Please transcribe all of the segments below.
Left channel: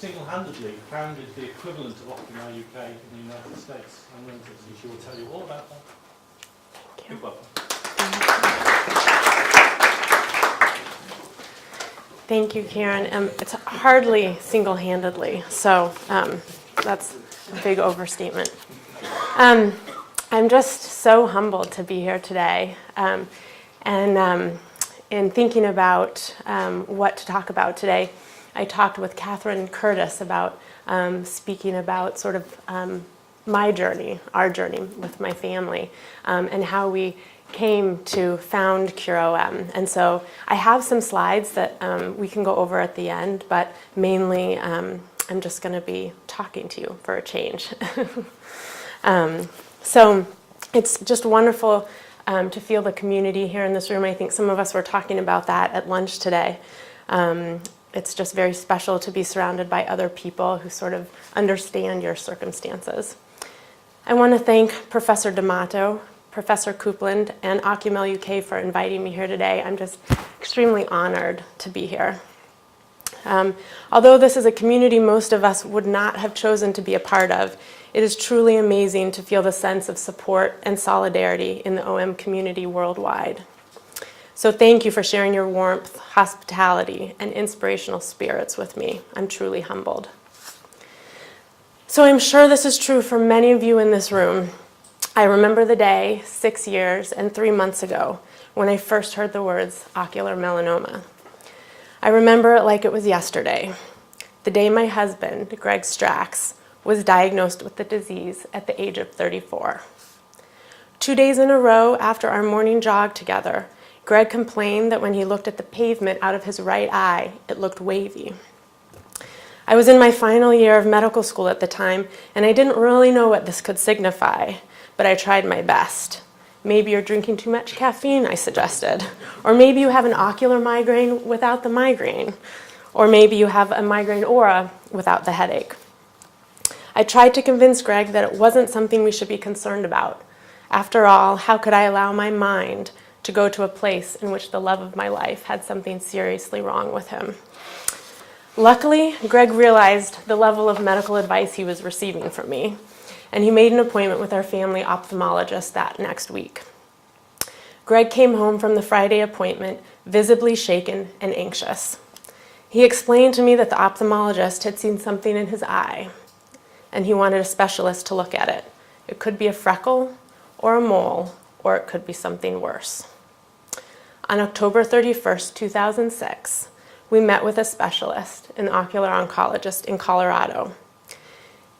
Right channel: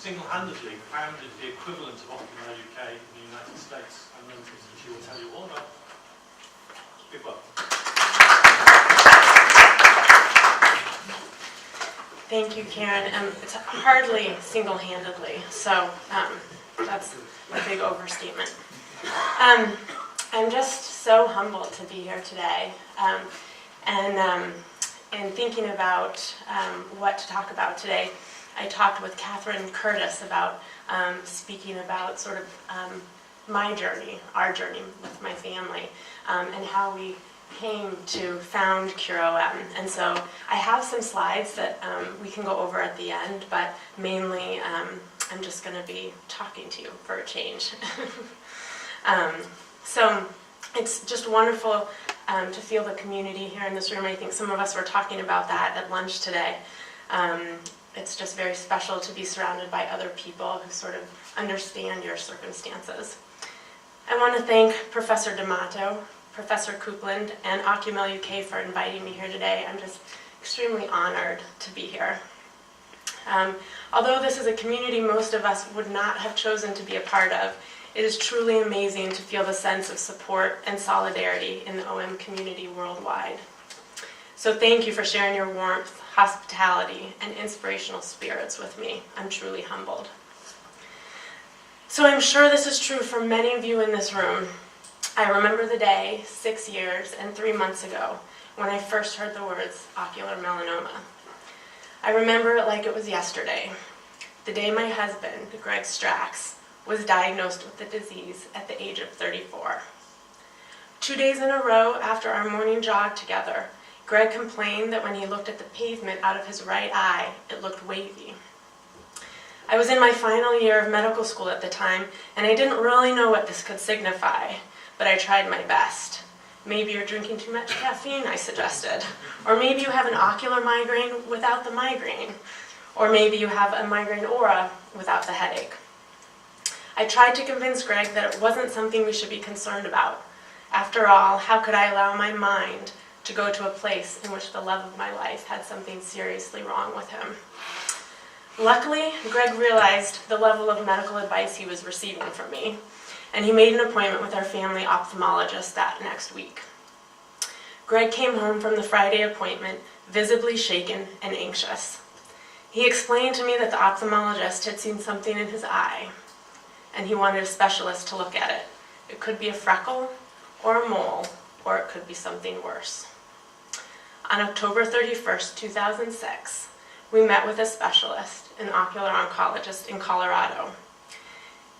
single-handedly founded the equivalent of Occupy UK in the United States. I'm going to, she will tell you all about that. Big welcome. Thank you, Karen. It's hardly single-handedly, so that's a big overstatement. I'm just so humbled to be here today, and in thinking about what to talk about today, I talked with Catherine Curtis about speaking about sort of my journey, our journey with my family, and how we came to found CureOM. And so I have some slides that we can go over at the end, but mainly I'm just going to be talking to you for a change. So it's just wonderful to feel the community here in this room. I think some of us were talking about that at lunch today. It's just very special to be surrounded by other people who sort of understand your circumstances. I want to thank Professor D'Amato, Professor Coupland, and OccuMel UK for inviting me here today. I'm just extremely honored to be here. Although this is a community most of us would not have chosen to be a part of, it is truly amazing to feel the sense of support and solidarity in the OM community worldwide. So thank you for sharing your warmth, hospitality, and inspirational spirits with me. I'm truly humbled. So I'm sure this is true for many of you in this room. I remember the day 6 years and 3 months ago when I first heard the words ocular melanoma. I remember it like it was yesterday, the day my husband, Greg Strax, was diagnosed with the disease at the age of 34. 2 days in a row after our morning jog together, Greg complained that when he looked at the pavement out of his right eye, it looked wavy. I was in my final year of medical school at the time, and I didn't really know what this could signify, but I tried my best. Maybe you're drinking too much caffeine, I suggested. Or maybe you have an ocular migraine without the migraine. Or maybe you have a migraine aura without the headache. I tried to convince Greg that it wasn't something we should be concerned about. After all, how could I allow my mind to go to a place in which the love of my life had something seriously wrong with him? Luckily, Greg realized the level of medical advice he was receiving from me, and he made an appointment with our family ophthalmologist that next week. Greg came home from the Friday appointment visibly shaken and anxious. He explained to me that the ophthalmologist had seen something in his eye, and he wanted a specialist to look at it. It could be a freckle or a mole, or it could be something worse. On October 31st, 2006, we met with a specialist, an ocular oncologist in Colorado.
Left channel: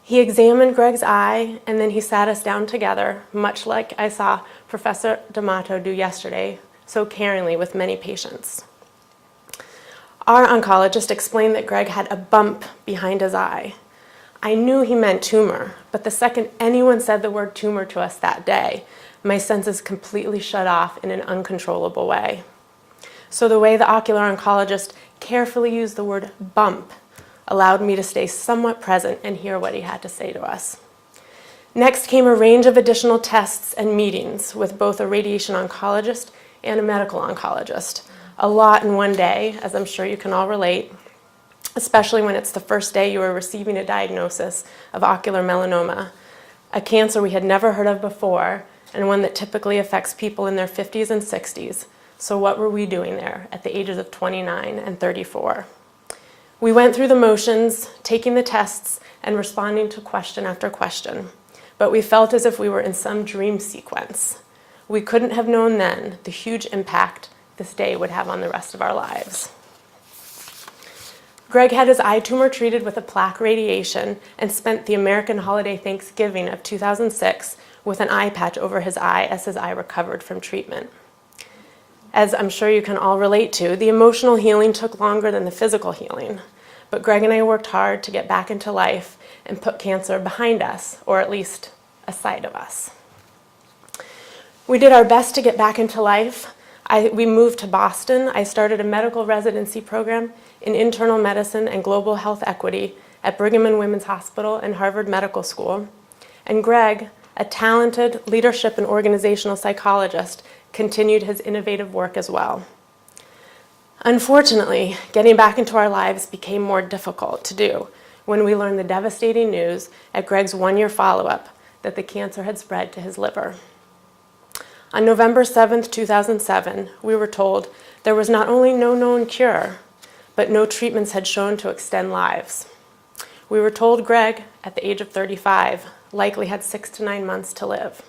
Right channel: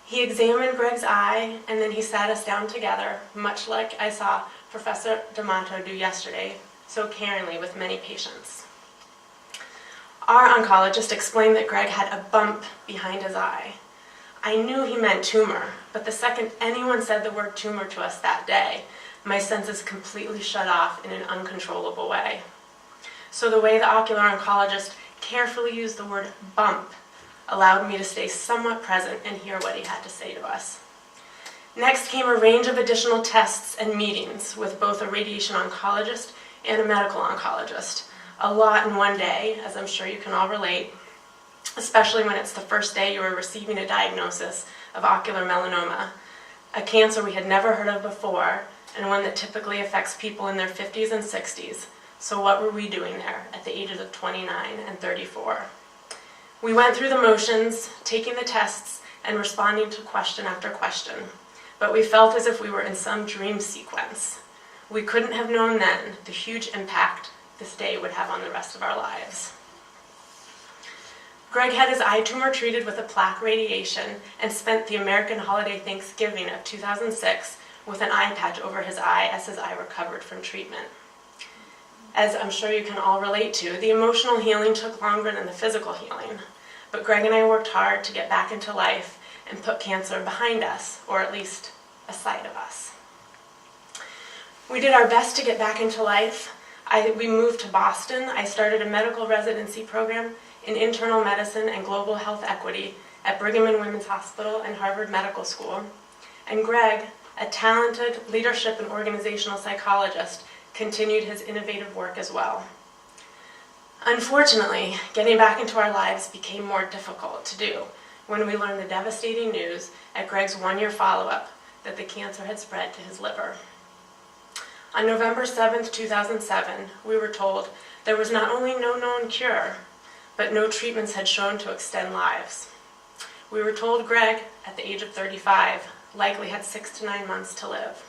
He examined Greg's eye, and then he sat us down together, much like I saw Professor D'Amato do yesterday, so caringly with many patients. Our oncologist explained that Greg had a bump behind his eye. I knew he meant tumor, but the second anyone said the word tumor to us that day, my senses completely shut off in an uncontrollable way. So the way the ocular oncologist carefully used the word bump allowed me to stay somewhat present and hear what he had to say to us. Next came a range of additional tests and meetings with both a radiation oncologist and a medical oncologist. A lot in one day, as I'm sure you can all relate, especially when it's the first day you are receiving a diagnosis of ocular melanoma, a cancer we had never heard of before, and one that typically affects people in their 50s and 60s. So what were we doing there at the ages of 29 and 34? We went through the motions, taking the tests and responding to question after question, but we felt as if we were in some dream sequence. We couldn't have known then the huge impact this day would have on the rest of our lives. Greg had his eye tumor treated with a plaque radiation and spent the American holiday Thanksgiving of 2006 with an eye patch over his eye as his eye recovered from treatment. As I'm sure you can all relate to, the emotional healing took longer than the physical healing, but Greg and I worked hard to get back into life and put cancer behind us, or at least a side of us. We did our best to get back into life. We moved to Boston. I started a medical residency program in internal medicine and global health equity at Brigham and Women's Hospital and Harvard Medical School. And Greg, a talented leadership and organizational psychologist, continued his innovative work as well. Unfortunately, getting back into our lives became more difficult to do when we learned the devastating news at Greg's one-year follow-up that the cancer had spread to his liver. On November 7th, 2007, we were told there was not only no known cure, but no treatments had shown to extend lives. We were told Greg, at the age of 35, likely had 6 to 9 months to live.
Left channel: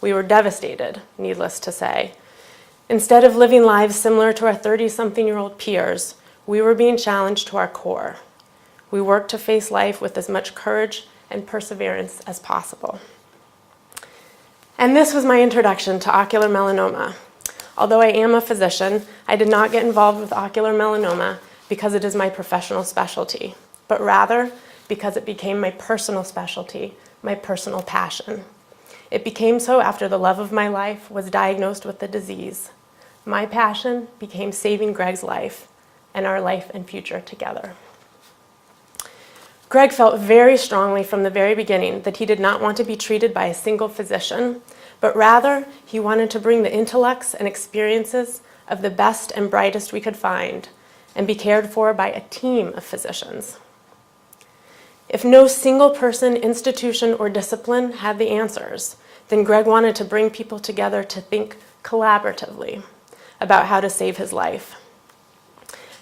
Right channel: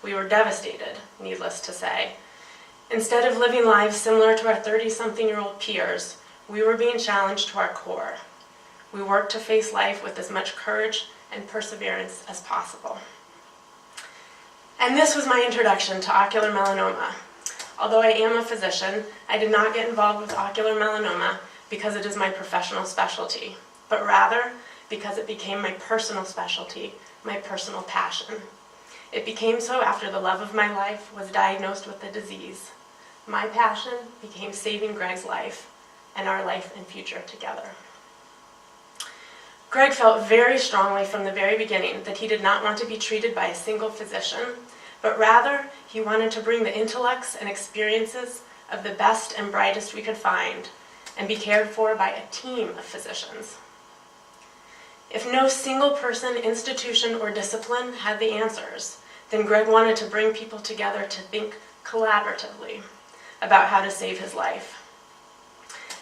We were devastated, needless to say. Instead of living lives similar to our 30-something-year-old peers, we were being challenged to our core. We worked to face life with as much courage and perseverance as possible. And this was my introduction to ocular melanoma. Although I am a physician, I did not get involved with ocular melanoma because it is my professional specialty, but rather because it became my personal specialty, my personal passion. It became so after the love of my life was diagnosed with the disease. My passion became saving Greg's life and our life and future together. Greg felt very strongly from the very beginning that he did not want to be treated by a single physician, but rather he wanted to bring the intellects and experiences of the best and brightest we could find and be cared for by a team of physicians. If no single person, institution, or discipline had the answers, then Greg wanted to bring people together to think collaboratively about how to save his life.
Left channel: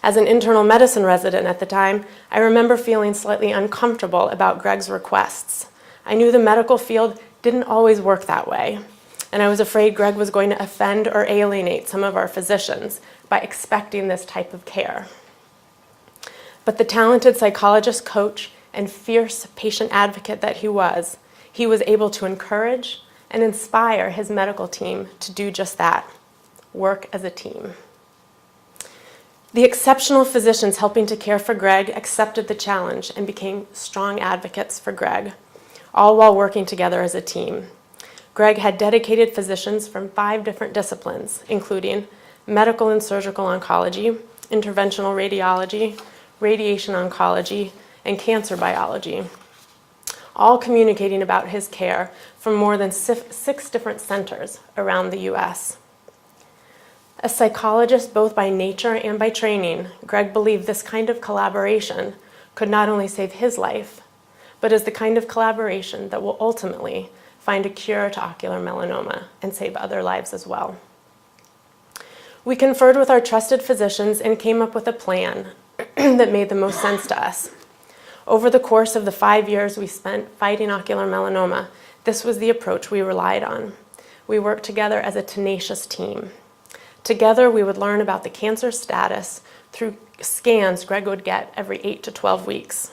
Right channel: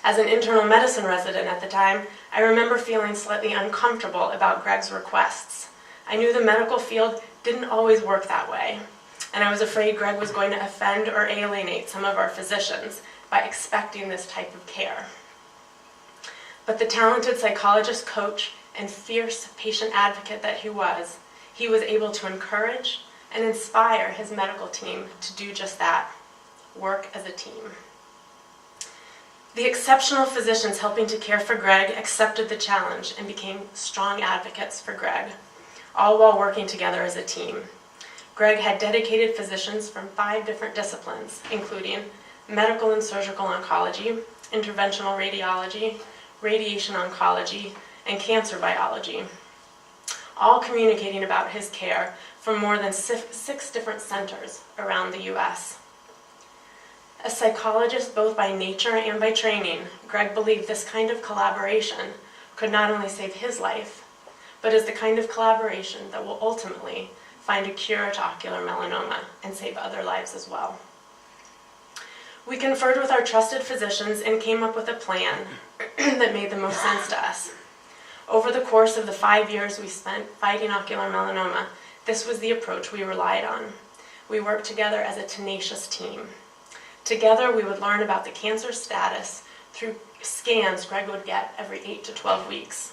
As an internal medicine resident at the time, I remember feeling slightly uncomfortable about Greg's requests. I knew the medical field didn't always work that way, and I was afraid Greg was going to offend or alienate some of our physicians by expecting this type of care. But the talented psychologist, coach, and fierce patient advocate that he was able to encourage and inspire his medical team to do just that, work as a team. The exceptional physicians helping to care for Greg accepted the challenge and became strong advocates for Greg, all while working together as a team. Greg had dedicated physicians from 5 different disciplines, including medical and surgical oncology, interventional radiology, radiation oncology, and cancer biology, all communicating about his care from more than 6 different centers around the U.S. A psychologist both by nature and by training, Greg believed this kind of collaboration could not only save his life, but is the kind of collaboration that will ultimately find a cure to ocular melanoma and save other lives as well. We conferred with our trusted physicians and came up with a plan that made the most sense to us. Over the course of the 5 years we spent fighting ocular melanoma, this was the approach we relied on. We worked together as a tenacious team. Together, we would learn about the cancer status through scans Greg would get every 8 to 12 weeks.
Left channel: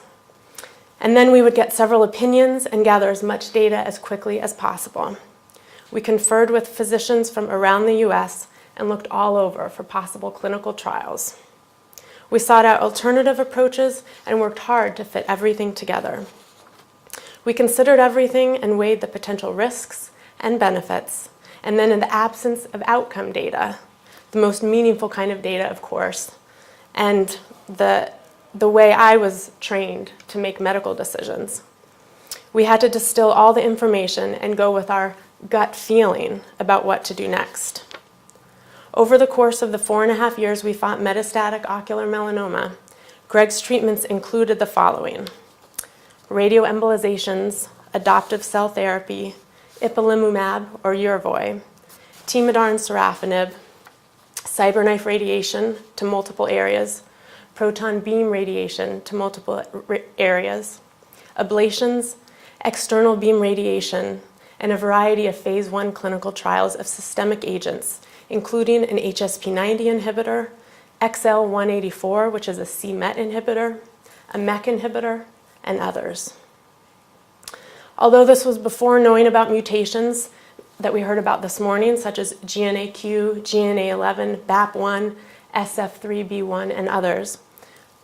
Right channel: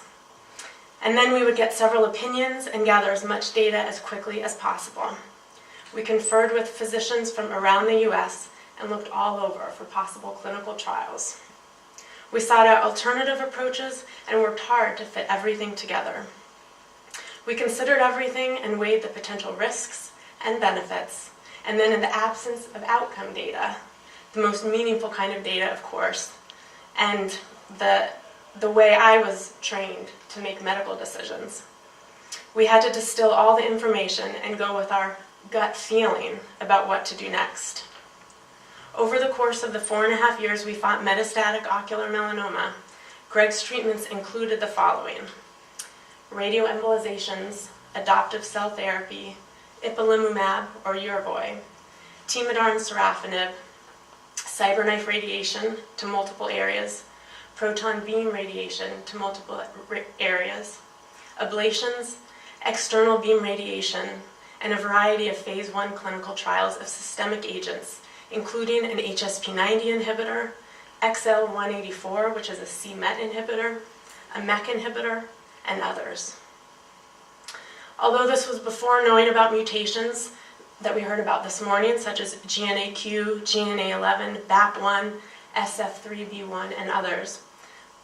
And then we would get several opinions and gather as much data as quickly as possible. We conferred with physicians from around the U.S. and looked all over for possible clinical trials. We sought out alternative approaches and worked hard to fit everything together. We considered everything and weighed the potential risks and benefits, and then in the absence of outcome data, the most meaningful kind of data, of course, and the way I was trained to make medical decisions. We had to distill all the information and go with our gut feeling about what to do next. Over the course of the 4.5 years we fought metastatic ocular melanoma, Greg's treatments included the following: radioembolizations, adoptive cell therapy, ipilimumab or Yervoy, Temodar and sorafenib, cyberknife radiation to multiple areas, proton beam radiation to multiple areas, ablations, external beam radiation, and a variety of phase 1 clinical trials of systemic agents, including an HSP90 inhibitor, XL184, which is a c-MET inhibitor, a MEK inhibitor, and others. Although this was before knowing about mutations that we heard about this morning, such as GNAQ, GNA11, BAP1, SF3B1, and others,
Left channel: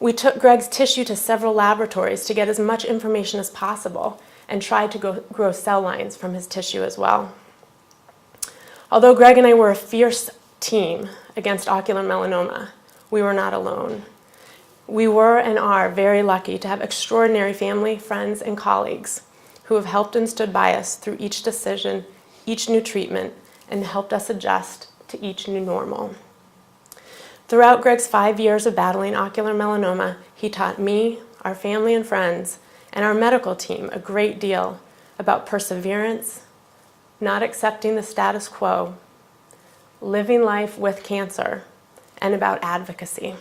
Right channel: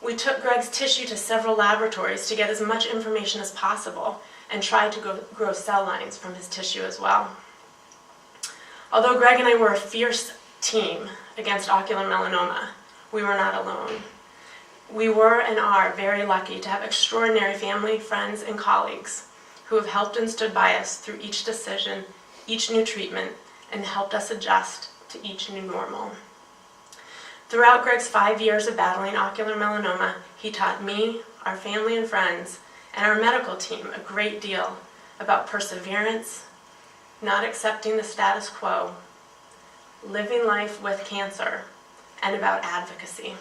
we took Greg's tissue to several laboratories to get as much information as possible and tried to grow cell lines from his tissue as well. Although Greg and I were a fierce team against ocular melanoma, we were not alone. We were and are very lucky to have extraordinary family, friends, and colleagues who have helped and stood by us through each decision, each new treatment, and helped us adjust to each new normal. Throughout Greg's 5 years of battling ocular melanoma, he taught me, our family and friends, and our medical team a great deal about perseverance, not accepting the status quo, living life with cancer, and about advocacy.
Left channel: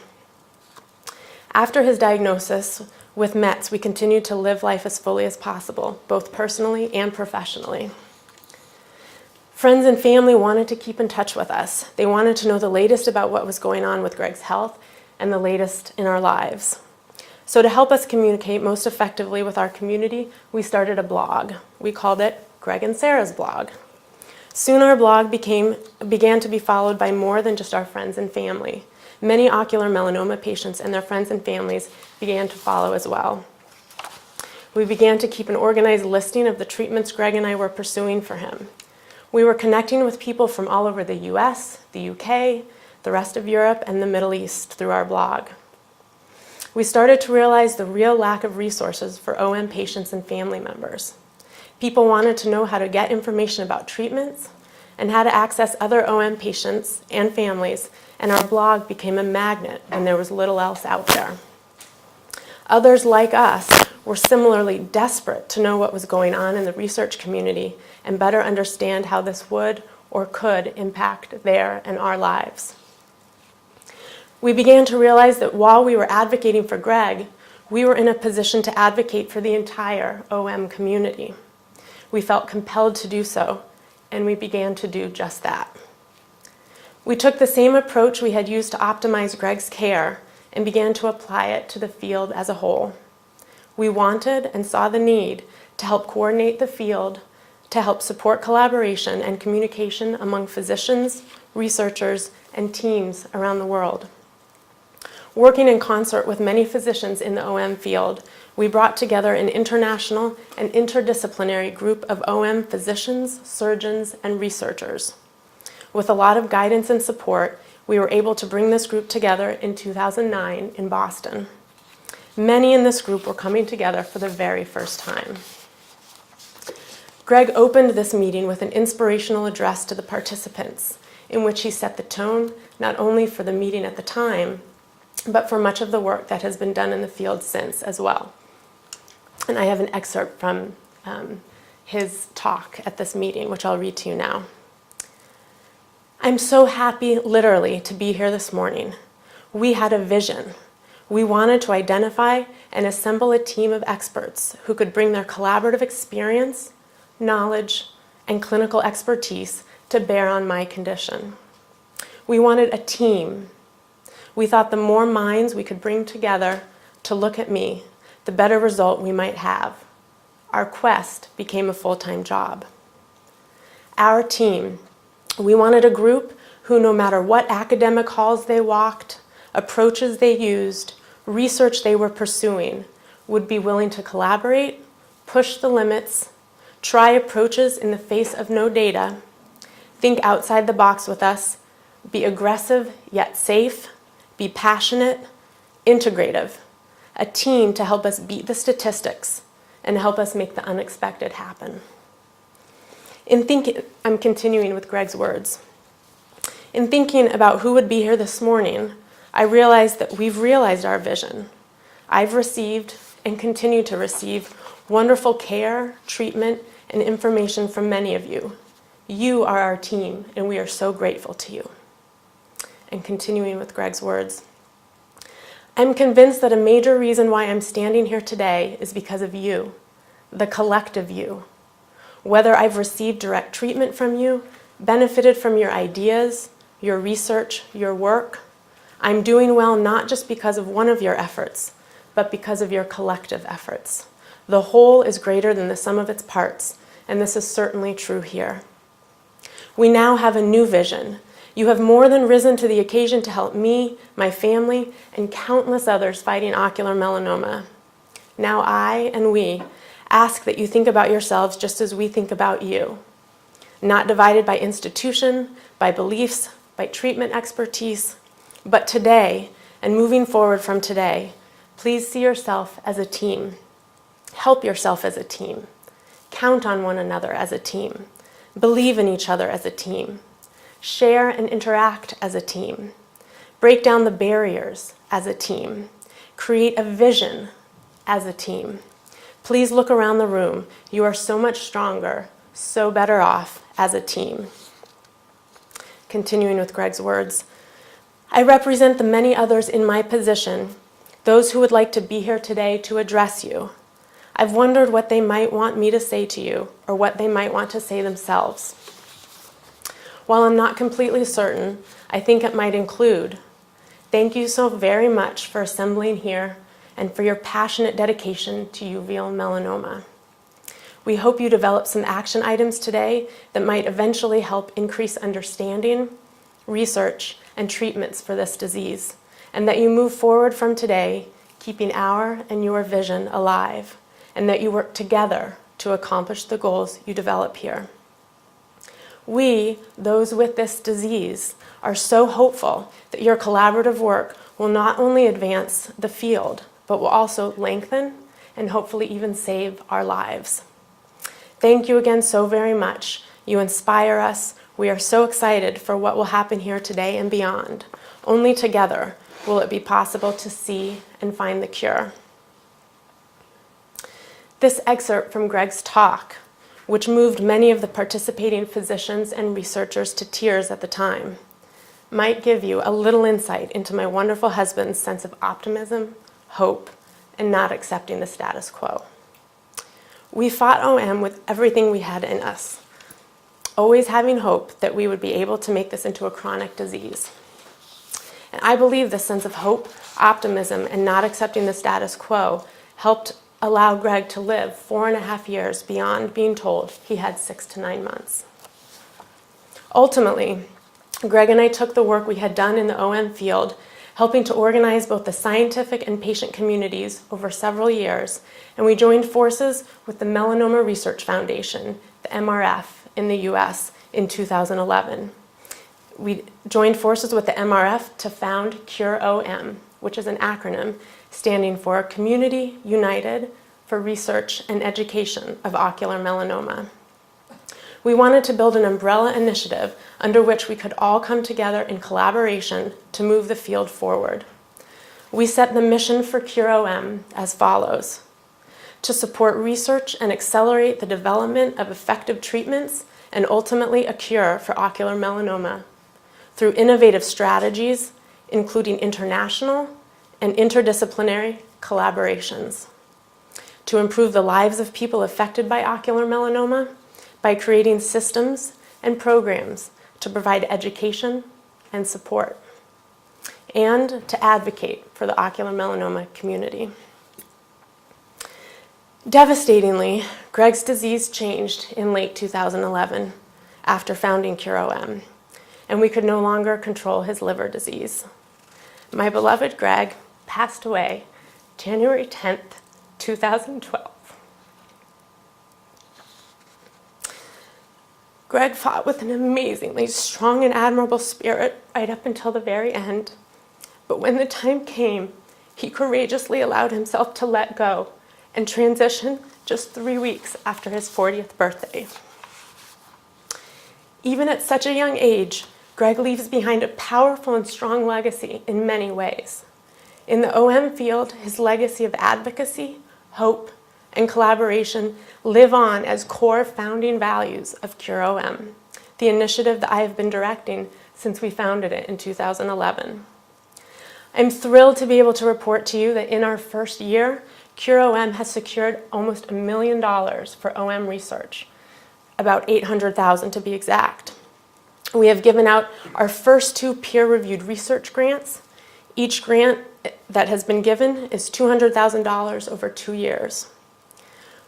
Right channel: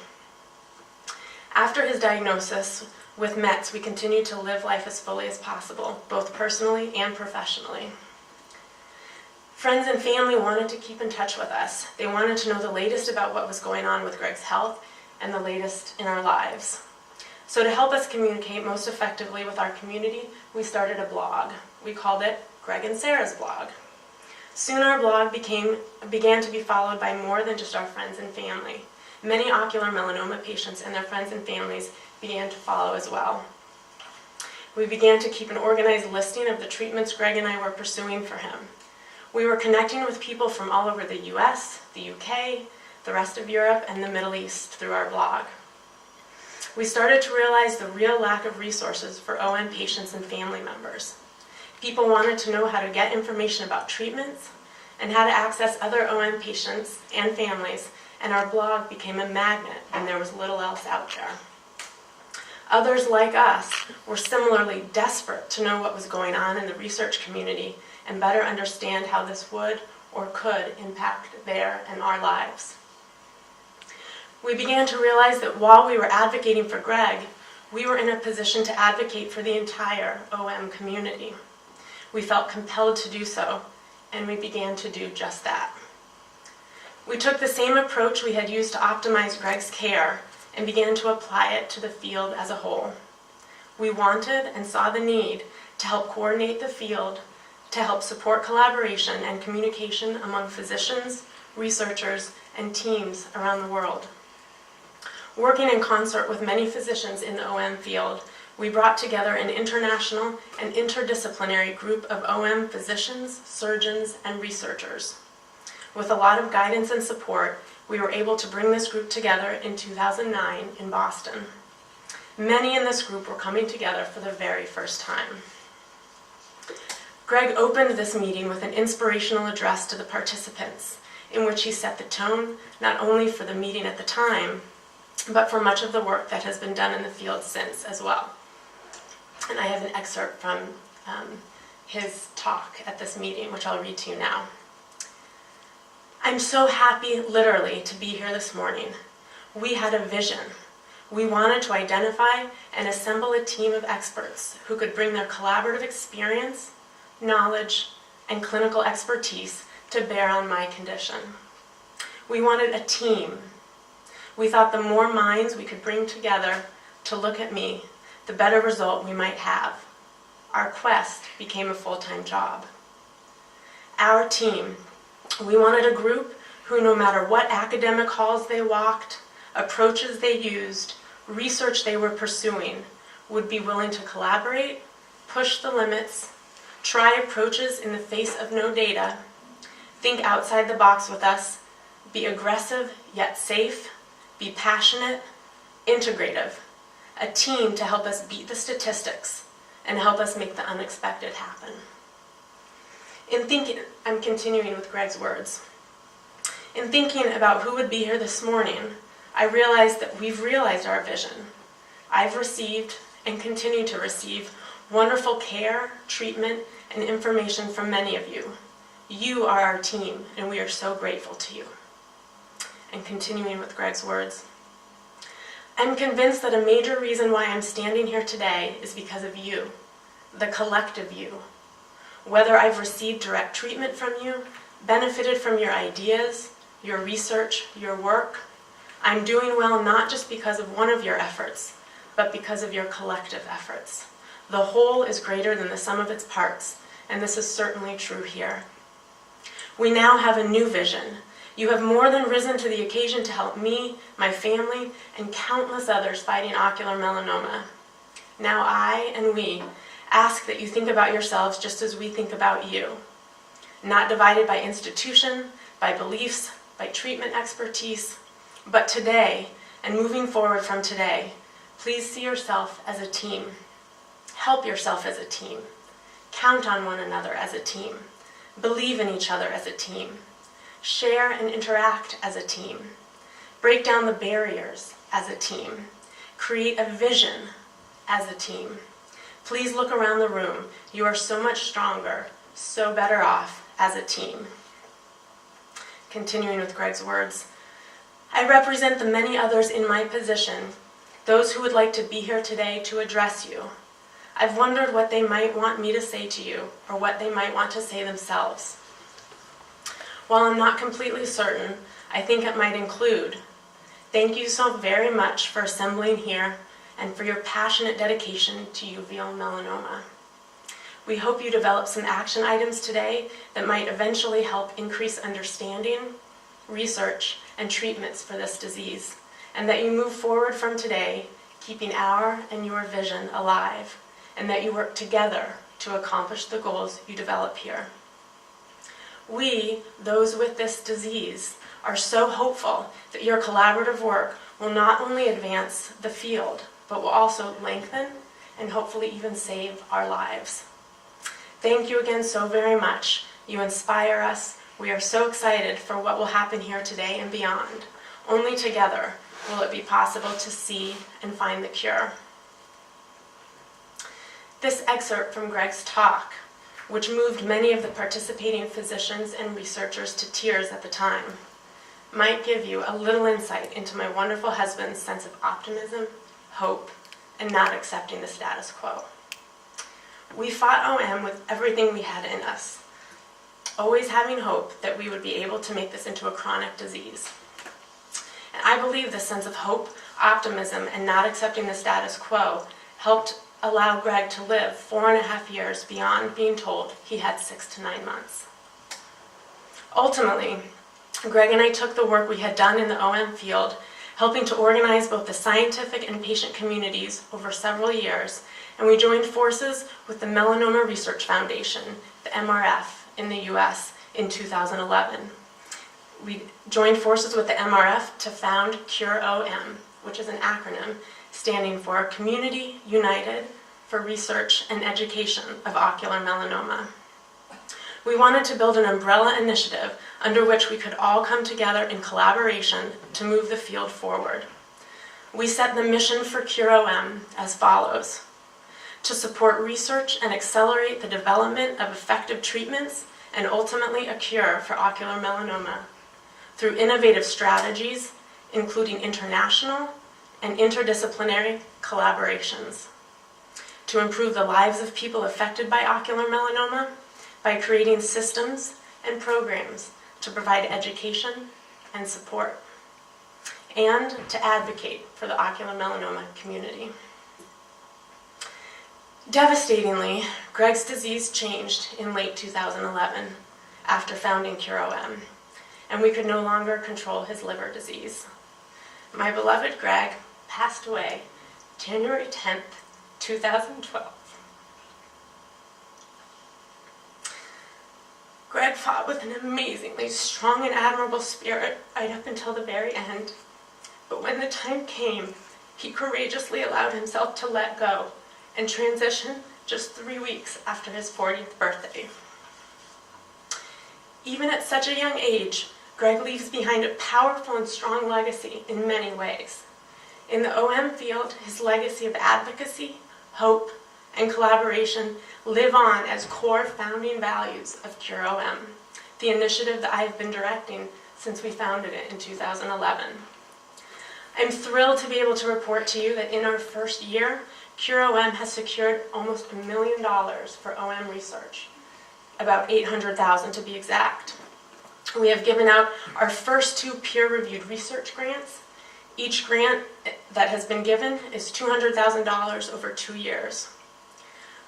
After his diagnosis with METS, we continued to live life as fully as possible, both personally and professionally. Friends and family wanted to keep in touch with us. They wanted to know the latest about what was going on with Greg's health and the latest in our lives. So to help us communicate most effectively with our community, we started a blog. We called it Greg and Sarah's Blog. Soon our blog began to be followed by more than just our friends and family. Many ocular melanoma patients and their friends and families began to follow as well. We began to keep an organized listing of the treatments Greg and I were pursuing for him. We were connecting with people from all over the US, the UK, the rest of Europe, and the Middle East through our blog. We started to realize the real lack of resources for OM patients and family members. People wanted to know how to get information about treatments and how to access other OM patients and families, and our blog became a magnet, and there was little else out there. Others like us were similarly desperate to know what was going on in the research community and better understand how this would or could impact their and our lives. We began to realize that while we were advocating for Greg, we were in a position to advocate for the entire OM community. We felt compelled to do so, and we began to do just that. We took the same approach we had used to optimize Greg's care and began to apply it to the field as a whole. We wanted and saw the need to help coordinate the field, to help support collaboration and communication among physicians, researchers, and teams around the world. Working in concert with many physicians in the OM field, we brought together an international and interdisciplinary group of OM physicians, surgeons, and researchers. With a lot of guidance and support, we were able to bring this group together in 2009 in Boston. Many in this group were coming together for the very first time. Greg opened this meeting with an inspirational address to the participants, in which he set the tone not only for the meeting at the time, but for much of the work that has been done in the field since as well. And I have an excerpt from his talk at this meeting, which I'll read to you now. I'm so happy, literally, to be here this morning. We had a vision. We wanted to identify and assemble a team of experts who could bring their collaborative experience, knowledge, and clinical expertise to bear on my condition. We wanted a team. We thought the more minds we could bring together to look at me, the better result we might have. Our quest became a full-time job. Our team, we wanted a group who, no matter what academic halls they walked, approaches they used, research they were pursuing, would be willing to collaborate, push the limits, try approaches in the face of no data, think outside the box with us, be aggressive yet safe, be passionate, integrative, a team to help us beat the statistics and help us make the unexpected happen. In thinking, I'm continuing with Greg's words. In thinking about who would be here this morning, I realized that we've realized our vision. I've received and continue to receive wonderful care, treatment, and information from many of you. You are our team, and we are so grateful to you. And continuing with Greg's words, I'm convinced that a major reason why I'm standing here today is because of you, the collective you. Whether I've received direct treatment from you, benefited from your ideas, your research, your work, I'm doing well not just because of one of your efforts, but because of your collective efforts. The whole is greater than the sum of its parts, and this is certainly true here. We now have a new vision. You have more than risen to the occasion to help me, my family, and countless others fighting ocular melanoma. Now I and we ask that you think about yourselves just as we think about you. Not divided by institution, by beliefs, by treatment expertise, but today, and moving forward from today, please see yourself as a team. Help yourself as a team. Count on one another as a team. Believe in each other as a team. Share and interact as a team. Break down the barriers as a team. Create a vision as a team. Please look around the room. You are so much stronger, so better off as a team. Continuing with Greg's words, I represent the many others in my position, those who would like to be here today to address you. I've wondered what they might want me to say to you, or what they might want to say themselves. While I'm not completely certain, I think it might include, thank you so very much for assembling here and for your passionate dedication to uveal melanoma. We hope you develop some action items today that might eventually help increase understanding, research, and treatments for this disease, and that you move forward from today keeping our and your vision alive, and that you work together to accomplish the goals you develop here. We, those with this disease, are so hopeful that your collaborative work will not only advance the field, but will also lengthen and hopefully even save our lives. Thank you again so very much. You inspire us. We are so excited for what will happen here today and beyond. Only together will it be possible to see and find the cure. This excerpt from Greg's talk, which moved many of the participating physicians and researchers to tears at the time, might give you a little insight into my wonderful husband's sense of optimism, hope, and not accepting the status quo. We fought OM with everything we had in us, always having hope that we would be able to make this into a chronic disease. And I believe this sense of hope, optimism, and not accepting the status quo helped allow Greg to live 4.5 years beyond being told he had 6 to 9 months. Ultimately, Greg and I took the work we had done in the OM field, helping to organize both the scientific and patient communities over several years, and we joined forces with the Melanoma Research Foundation, the MRF, in the US in 2011. We joined forces with the MRF to found CURE-OM, which is an acronym standing for Community United for Research and Education of Ocular Melanoma. We wanted to build an umbrella initiative under which we could all come together in collaboration to move the field forward. We set the mission for CURE-OM as follows: to support research and accelerate the development of effective treatments and ultimately a cure for ocular melanoma through innovative strategies, including international and interdisciplinary collaborations, to improve the lives of people affected by ocular melanoma by creating systems and programs to provide education and support, and to advocate for the ocular melanoma community. Devastatingly, Greg's disease changed in late 2011 after founding CURE-OM, and we could no longer control his liver disease. My beloved Greg passed away January 10th, 2012. Greg fought with an amazingly strong and admirable spirit right up until the very end, but when the time came, he courageously allowed himself to let go and transition just 3 weeks after his 40th birthday. Even at such a young age, Greg leaves behind a powerful and strong legacy in many ways. In the OM field, his legacy of advocacy, hope, and collaboration live on as core founding values of CURE-OM, the initiative that I have been directing since we founded it in 2011. I'm thrilled to be able to report to you that in our first year, CURE-OM has secured almost $1 million for OM research, about $800,000 to be exact. We have given out our first 2 peer-reviewed research grants. Each grant that has been given is $200,000 over 2 years.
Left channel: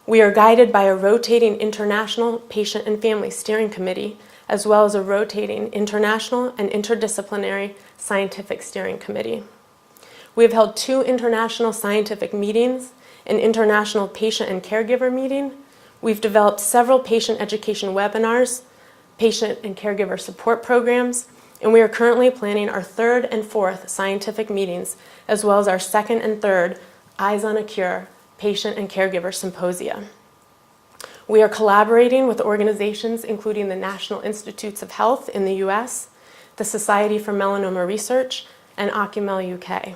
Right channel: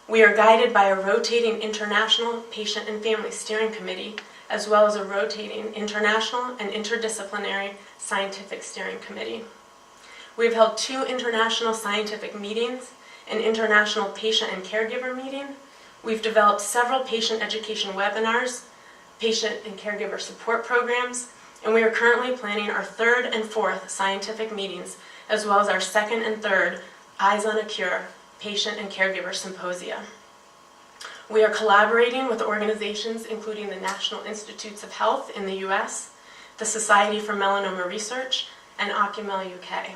We are guided by a rotating international patient and family steering committee, as well as a rotating international and interdisciplinary scientific steering committee. We have held 2 international scientific meetings, an international patient and caregiver meeting. We've developed several patient education webinars, patient and caregiver support programs, and we are currently planning our 3rd and 4th scientific meetings, as well as our 2nd and 3rd Eyes on a Cure patient and caregiver symposia. We are collaborating with organizations including the National Institutes of Health in the US, the Society for Melanoma Research, and Ocumel UK.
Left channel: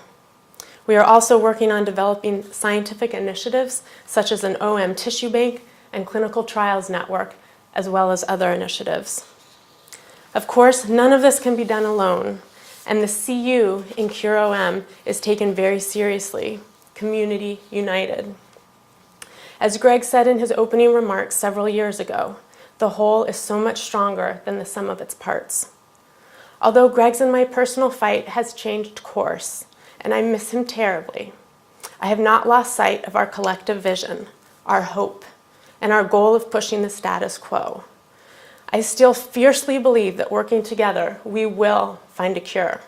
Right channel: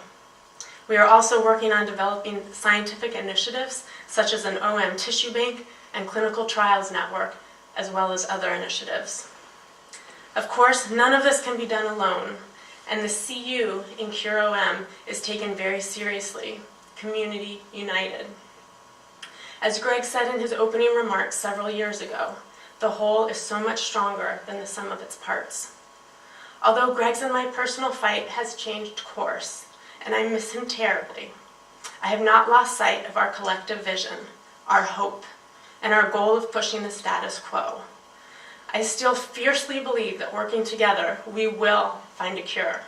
We are also working on developing scientific initiatives such as an OM tissue bank and clinical trials network, as well as other initiatives. Of course, none of this can be done alone, and the CU in CureOM is taken very seriously, community united. As Greg said in his opening remarks several years ago, the whole is so much stronger than the sum of its parts. Although Greg's and my personal fight has changed course, and I miss him terribly, I have not lost sight of our collective vision, our hope, and our goal of pushing the status quo. I still fiercely believe that working together, we will find a cure,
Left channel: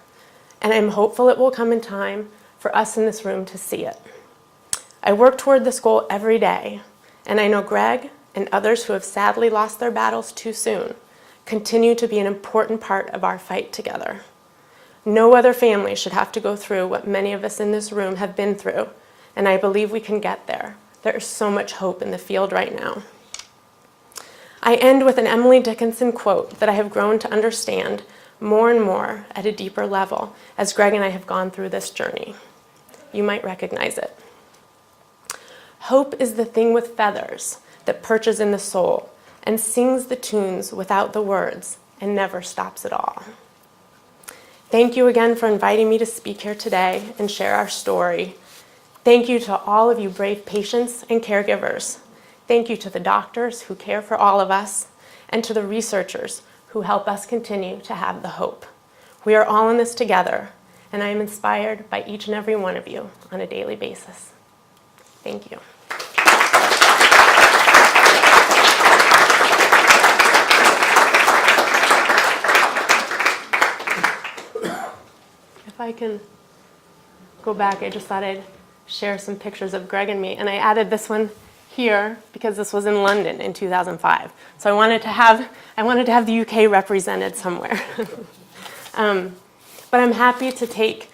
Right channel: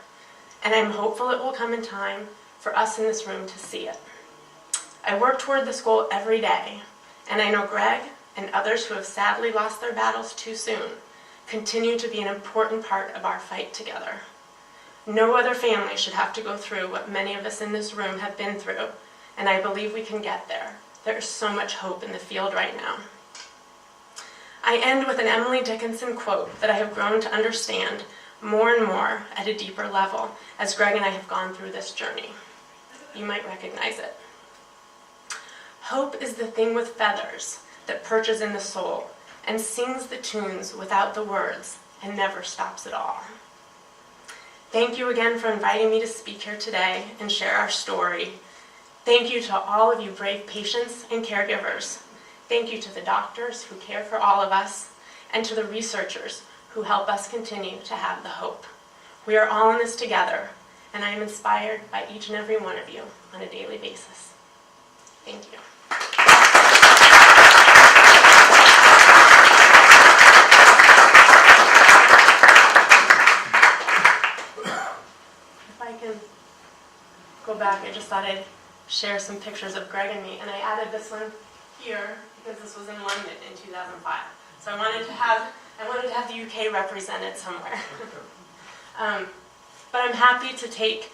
and I'm hopeful it will come in time for us in this room to see it. I work toward this goal every day, and I know Greg and others who have sadly lost their battles too soon continue to be an important part of our fight together. No other family should have to go through what many of us in this room have been through, and I believe we can get there. There is so much hope in the field right now. I end with an Emily Dickinson quote that I have grown to understand more and more at a deeper level as Greg and I have gone through this journey. You might recognize it. Hope is the thing with feathers that perches in the soul and sings the tunes without the words and never stops at all. Thank you again for inviting me to speak here today and share our story. Thank you to all of you brave patients and caregivers. Thank you to the doctors who care for all of us and to the researchers who help us continue to have the hope. We are all in this together, and I am inspired by each and every one of you on a daily basis. Thank you. If I can go back, I just thought I'd share some pictures of Greg and me, and I added this one here because this was in London in 2005. So I wanted to have the UK represented somewhere. But I'm happy to take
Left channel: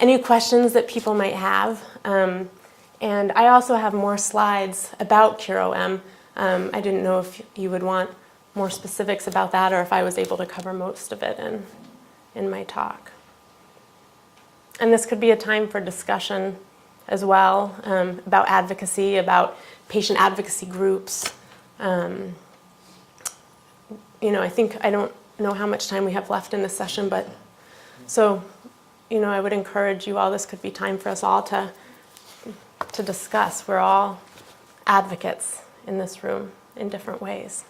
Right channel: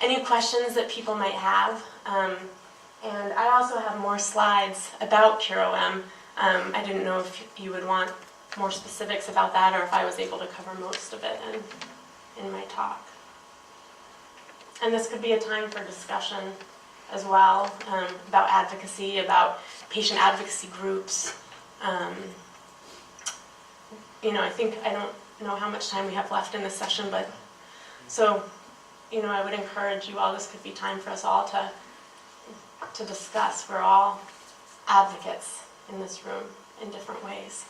any questions that people might have. And I also have more slides about CureOM. I didn't know if you would want more specifics about that or if I was able to cover most of it in my talk. And this could be a time for discussion as well, about advocacy, about patient advocacy groups. I don't know how much time we have left in this session, but so, I would encourage you all, this could be time for us all to discuss. We're all advocates in this room in different ways.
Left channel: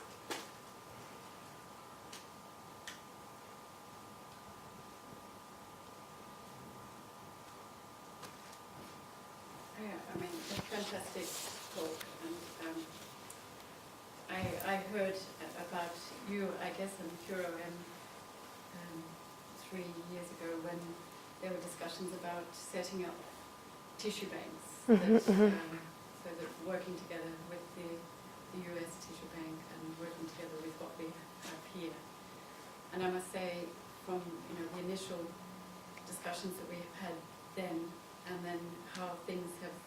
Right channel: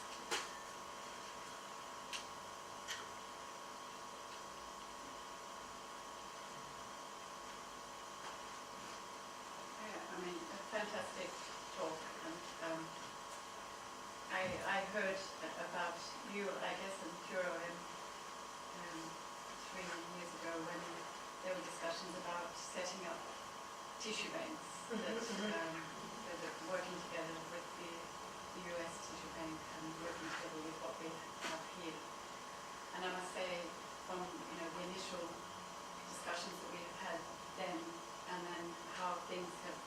Fantastic talk. And, I heard about you, I guess, in CureOM 3 years ago when there were discussions about setting up tissue banks, so that working together with the US tissue bank and working together with what we have here. And I must say, from the initial discussions that we have had then, and then how things have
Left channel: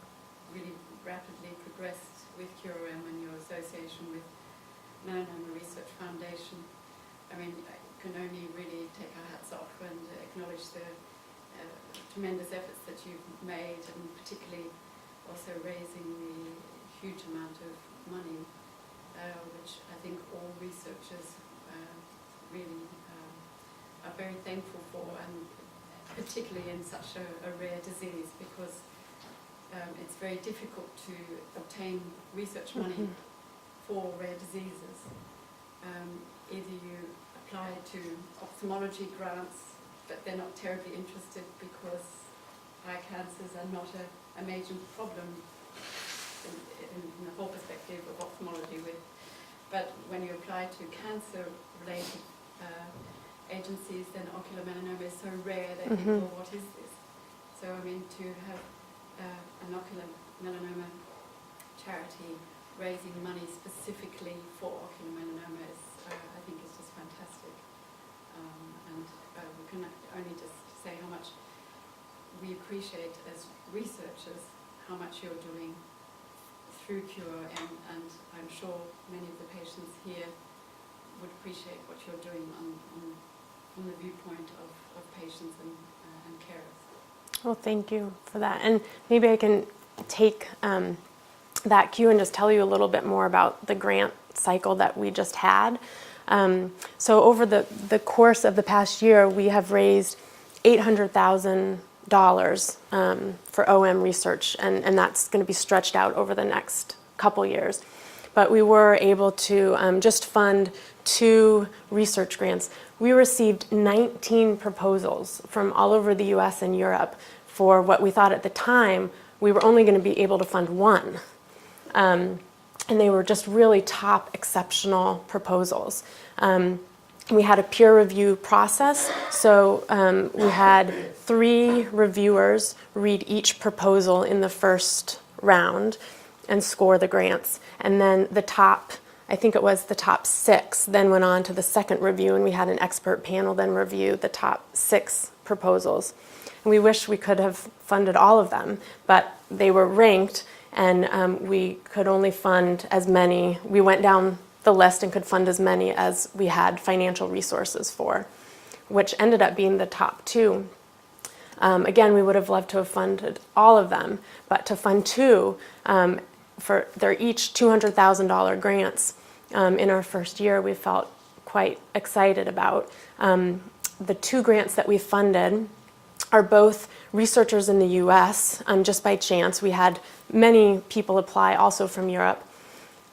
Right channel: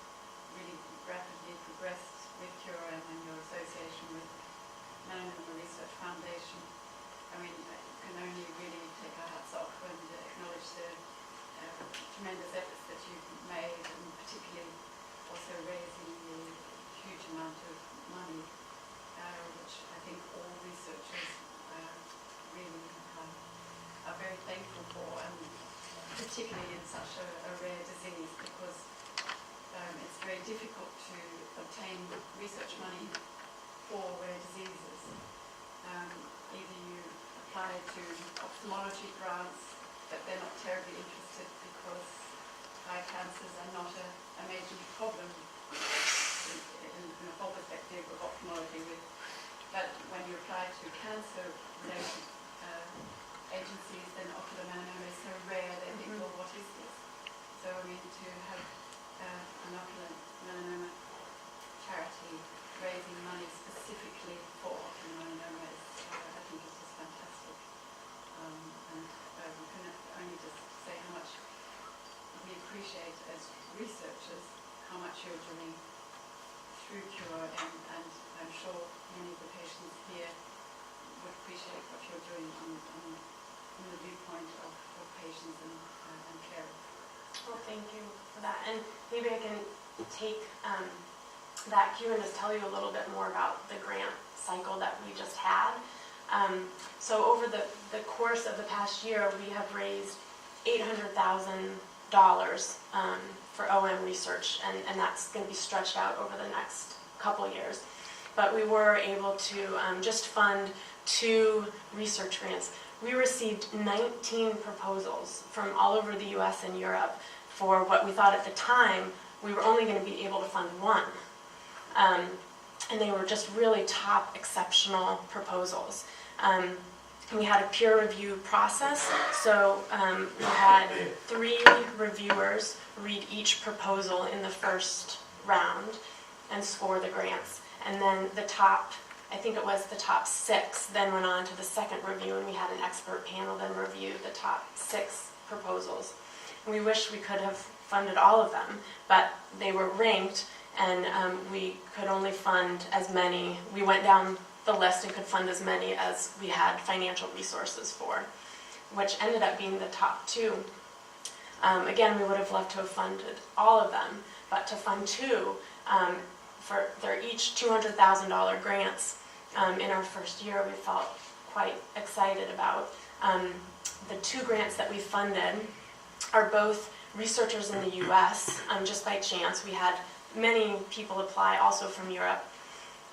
really rapidly progressed with CureOM and your association with Melanoma Research Foundation. I can only really take our hats off and acknowledge the tremendous efforts that you've made, and particularly also raising the huge amount of money, which I think all researchers really are very thankful for, and particularly in such a rare disease, because it's very difficult to obtain research money for rare diseases. Either you apply to ophthalmology grants, but they're not terribly interested because eye cancers are not a major problem in the whole perspective of ophthalmology. But when you apply to cancer-related agencies, then ocular melanoma is so rare that people, what is this? So to have an ocular melanoma charity raising money specifically for ocular melanoma is, I think, is just fantastic. And we can only just say how much we appreciate as researchers how much you're doing through CureOM, and I'm sure many of the patients here would appreciate what you're doing from the viewpoint of patients and carers. Well, thank you for that. And maybe I can take that cue and just tell you a little bit more about the grant cycle that we just had. So over the course of the past year, we have raised $800,000 for OM research, and that's going to be stretched out over the next couple years. But we were able to just fund 2 research grants. We received 19 proposals from all over the US and Europe for what we thought at the time we were only going to be able to fund 1. And they were just really top, exceptional proposals. We had a peer review process, so we had 3 reviewers read each proposal in the first round and score the grants. And then the top, I think it was the top 6, then went on to the second review, and we had an expert panel then review the top 6 proposals. And we wish we could have funded all of them, but they were ranked, and we could only fund as many. We went down the list and could fund as many as we had financial resources for, which ended up being the top 2. Again, we would have loved to have funded all of them, but to fund 2, they're each $200,000 grants in our first year, we felt quite excited about. The 2 grants that we funded are both researchers in the US, just by chance. We had many people apply also from Europe.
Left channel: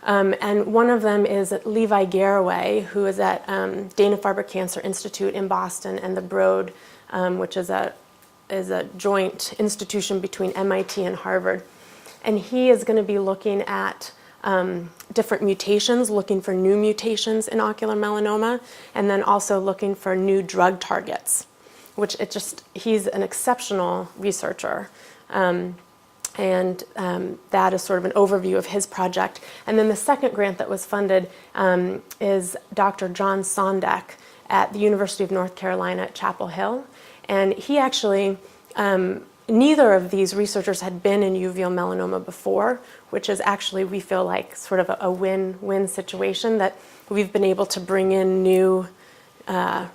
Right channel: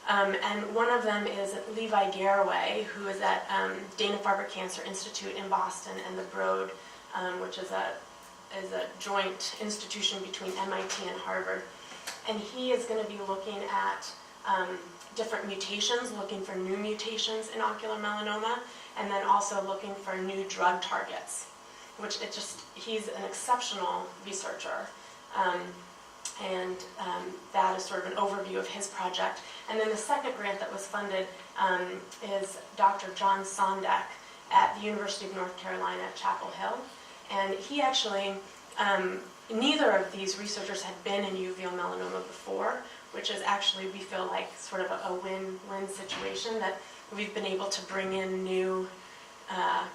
And one of them is Levi Garraway, who is at Dana-Farber Cancer Institute in Boston, and the Broad, which is a joint institution between MIT and Harvard. And he is going to be looking at different mutations, looking for new mutations in ocular melanoma, and then also looking for new drug targets, which he's an exceptional researcher. That is sort of an overview of his project. And then the second grant that was funded is Dr. John Sondek at the University of North Carolina at Chapel Hill. And he actually, neither of these researchers had been in uveal melanoma before, which is actually, we feel like, sort of a win-win situation, that we've been able to bring in new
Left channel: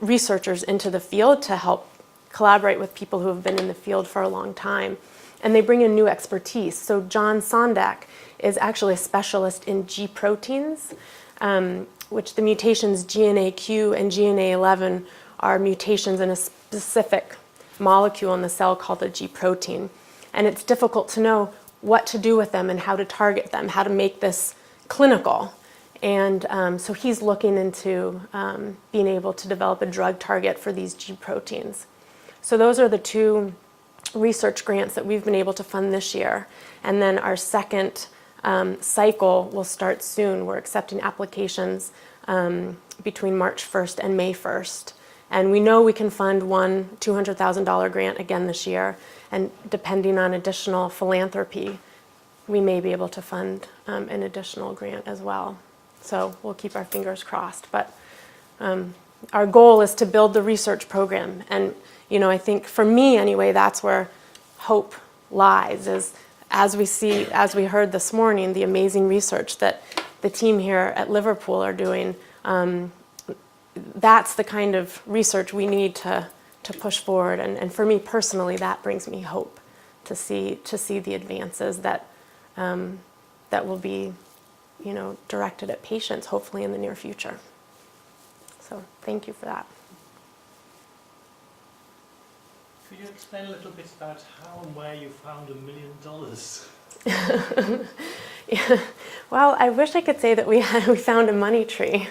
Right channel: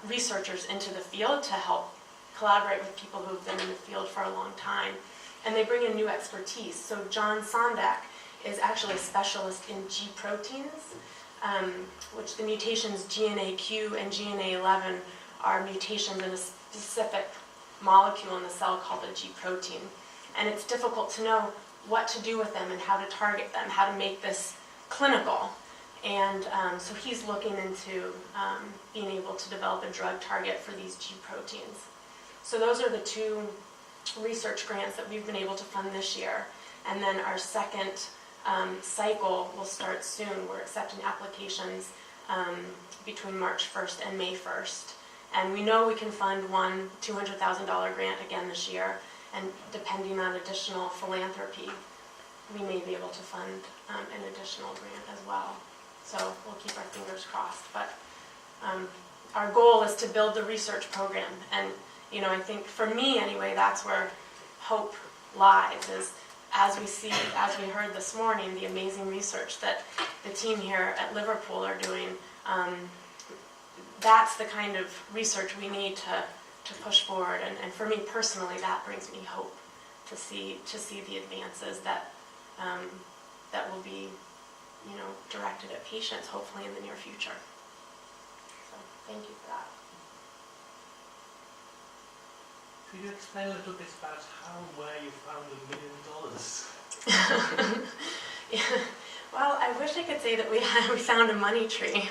researchers into the field to help collaborate with people who have been in the field for a long time. And they bring in new expertise. So John Sondek is actually a specialist in G proteins, which the mutations GNAQ and GNA11 are mutations in a specific molecule in the cell called a G protein. And it's difficult to know what to do with them and how to target them, how to make this clinical. And so he's looking into being able to develop a drug target for these G proteins. So those are the 2 research grants that we've been able to fund this year. And then our second cycle will start soon. We're accepting applications between March 1st and May 1st. And we know we can fund one $200,000 grant again this year. And depending on additional philanthropy, we may be able to fund an additional grant as well. So we'll keep our fingers crossed. But our goal is to build the research program. And I think for me anyway, that's where hope lies, is as we heard this morning, the amazing research that the team here at Liverpool are doing. That's the kind of research we need to push forward. And for me personally, that brings me hope to see the advances that will be, directed at patients, hopefully in the near future. So thank you for that. Could you explain a little bit about how and where you found $1 million? Yeah. Well, I wish I could say that we found a money tree.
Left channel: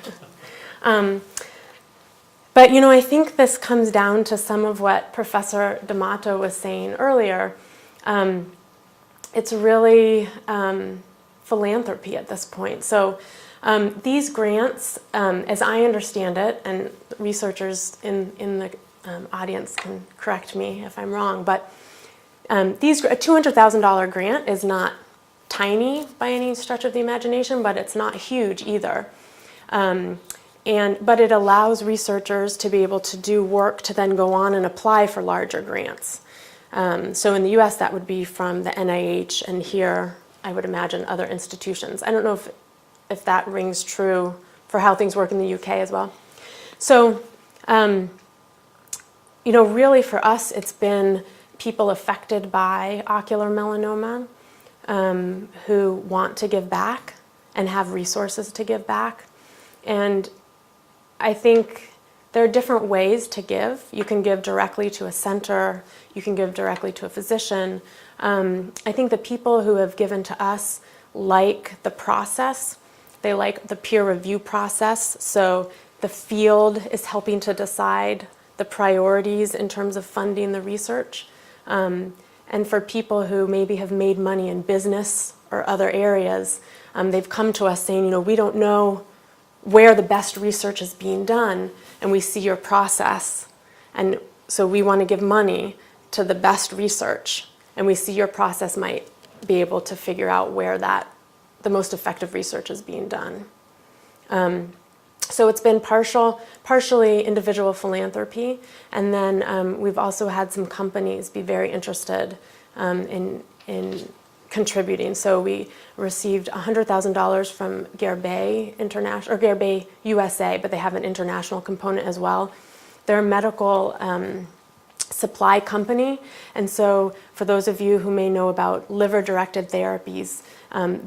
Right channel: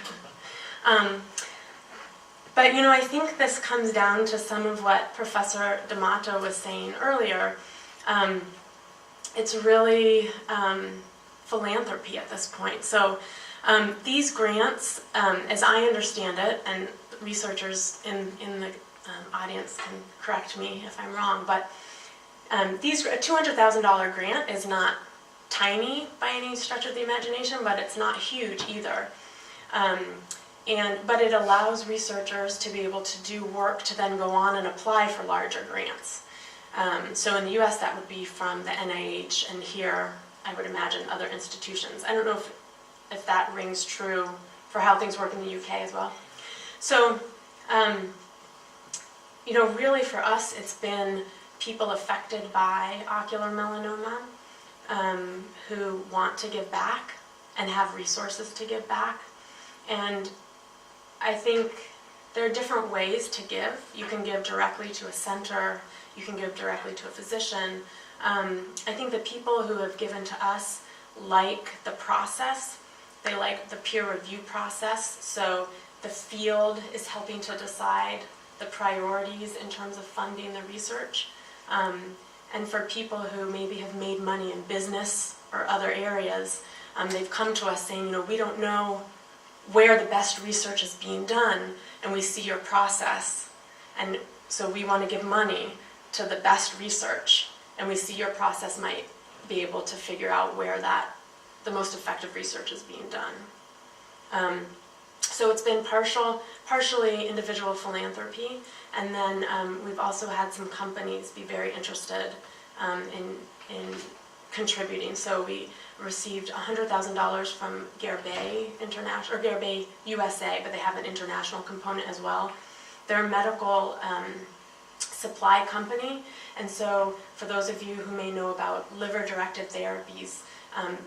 But I think this comes down to some of what Professor D'Amato was saying earlier. It's really philanthropy at this point. So these grants, as I understand it, and researchers in the audience can correct me if I'm wrong, but a $200,000 grant is not tiny by any stretch of the imagination, but it's not huge either. But it allows researchers to be able to do work to then go on and apply for larger grants. So in the US, that would be from the NIH, and here, I would imagine, other institutions. I don't know if that rings true for how things work in the UK as well. So, really for us, it's been people affected by ocular melanoma who want to give back and have resources to give back. And I think there are different ways to give. You can give directly to a center, you can give directly to a physician. I think the people who have given to us like the process. They like the peer review process. So the field is helping to decide the priorities in terms of funding the research. And for people who maybe have made money in business or other areas, they've come to us saying, we don't know where the best research is being done, and we see your process. And so we want to give money to the best research, and we see your process might be able to figure out where the most effective research is being done. So it's been partially individual philanthropy, and then we've also had some companies be very interested in contributing. So we received $100,000 from Guerbet International, or Guerbet USA, but they have an international component as well. They're a medical supply company, and so for those of you who may know about liver-directed therapies,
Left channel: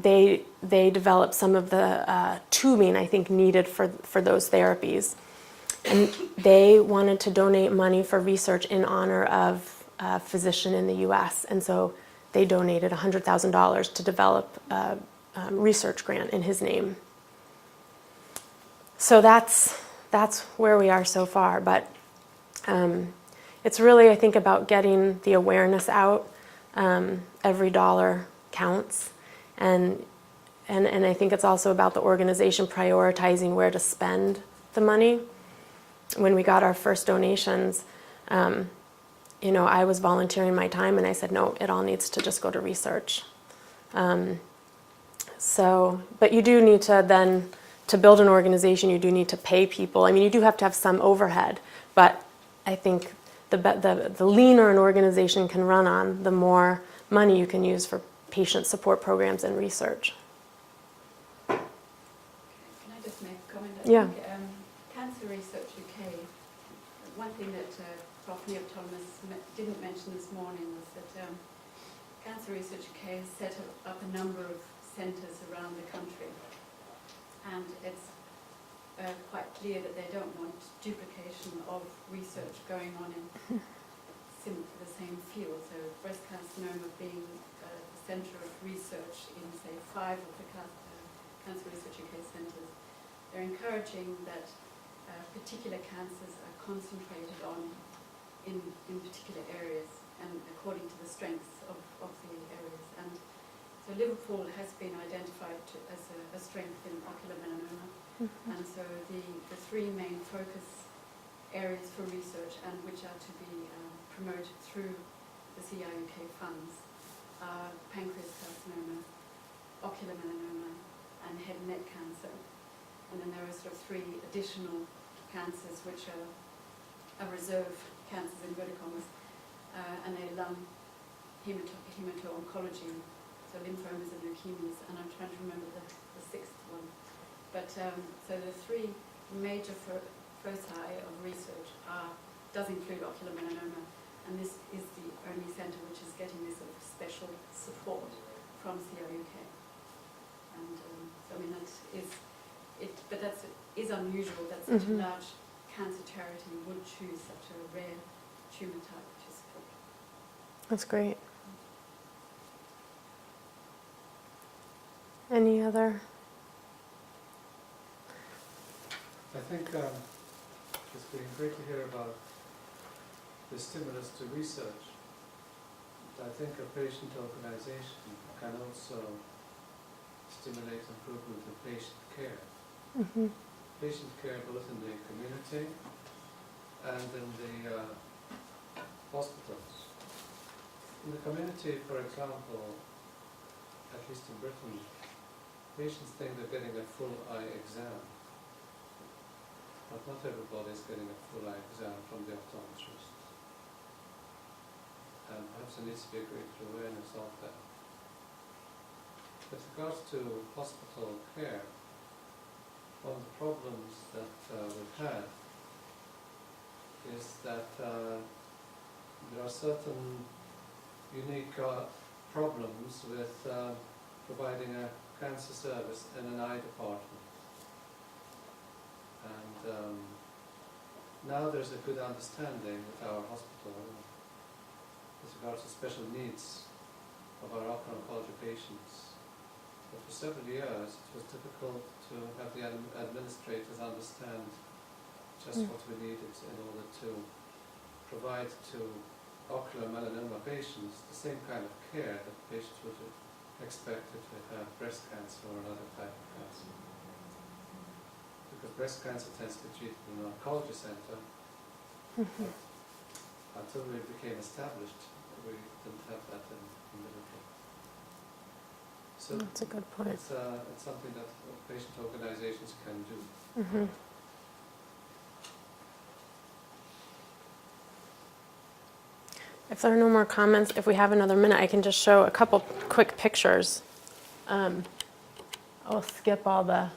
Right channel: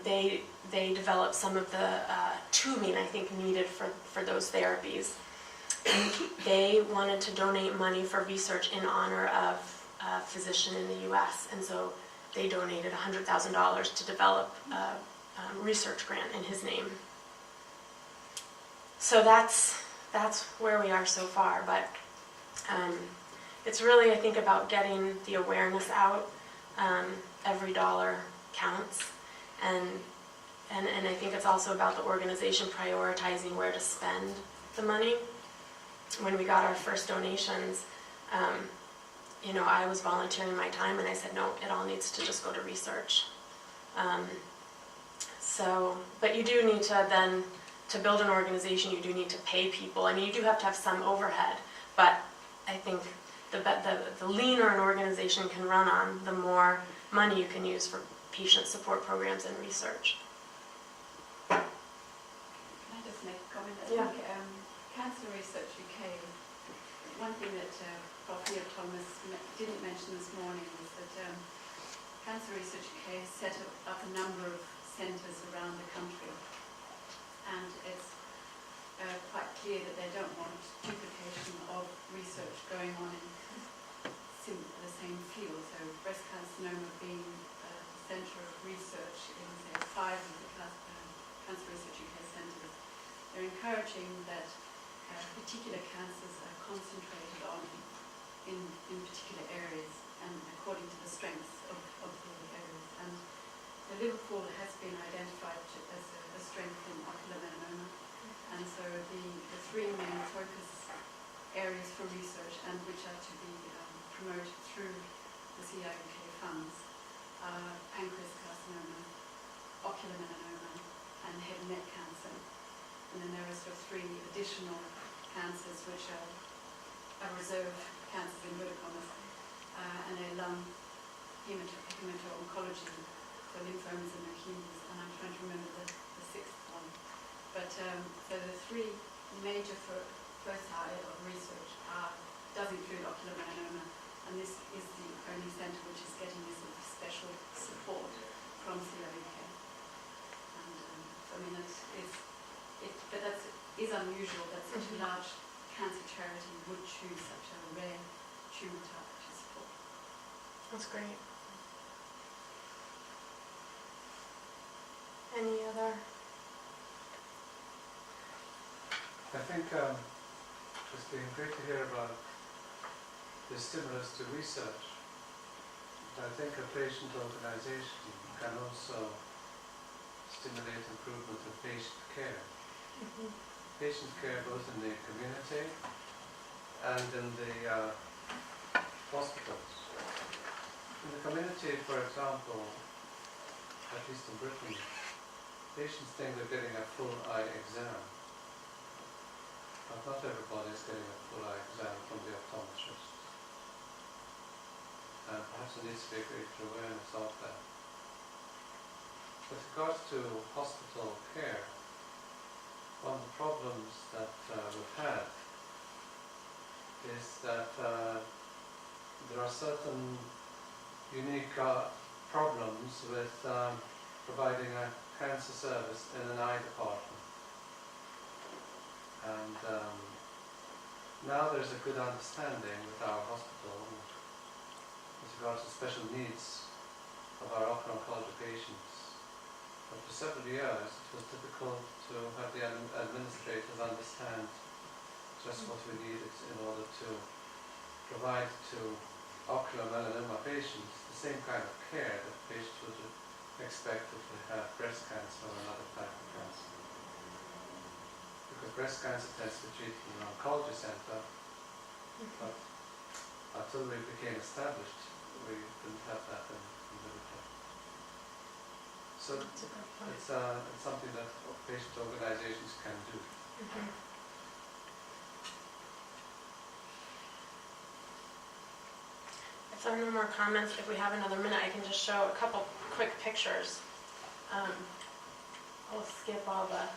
they developed some of the tubing, I think, needed for those therapies. And they wanted to donate money for research in honor of a physician in the U.S. And so they donated $100,000 to develop a research grant in his name. So that's where we are so far. But it's really, I think, about getting the awareness out. Every dollar counts. And I think it's also about the organization prioritizing where to spend the money. When we got our first donations, I was volunteering my time, and I said, no, it all needs to just go to research. But you do need to then, to build an organization, you do need to pay people. I mean, you do have to have some overhead, but I think the leaner an organization can run on, the more money you can use for patient support programs and research. Can I just make a comment? Yeah. I think, Cancer Research UK, one thing that Prof. Neil Thomas didn't mention this morning was that Cancer Research UK has set up a number of centres around the country, and it's quite clear that they don't want duplication of research going on in the same field. So breast carcinoma being the centre of research in, say, 5 of the Cancer Research UK centres, they're encouraging that particular cancers are concentrated on in particular areas and according to the strengths of the areas. And so Liverpool has been identified as a strength in ocular melanoma. Mm-hmm. And so the 3 main focus areas for research, and which are to be promoted through the CIUK funds, are pancreas carcinoma, ocular melanoma, and head and neck cancer. And then there are sort of 3 additional cancers which are reserve cancers in inverted commas, and they're lung, hemato-oncology, so lymphomas and leukemias, and I'm trying to remember the 6th one. But so the 3 major foci of research does include ocular melanoma, and this is the only centre which is getting this sort of special support from CIUK. And I mean, that is unusual that such a large cancer charity would choose such a rare tumour type to support. That's great. Any other? I think it's been great to hear about the stimulus to research. But I think a patient organization can also stimulate improvement of patient care. Mm-hmm. Patient care both in the community and in the hospitals. In the community, for example, at least in Britain, patients think they're getting a full eye exam. But not everybody is getting a full eye exam from the optometrist. And perhaps there needs to be a greater awareness of that. With regards to hospital care, one of the problems that we've had is that there are certain unique problems with providing a cancer service in an eye department. And now there's a good understanding with our hospital with regards to special needs of our oncology patients. But for several years it was difficult to have the administrators understand just what we needed in order to provide to ocular melanoma patients the same kind of care that patients would expect if they have breast cancer or another type of cancer. Because breast cancer tends to be treated in an oncology center, but until we became established, we didn't have that in Liverpool. So That's a good point. it's something that patient organizations can do. If there are no more comments, if we have another minute, I can just show a couple quick pictures. I'll skip all the...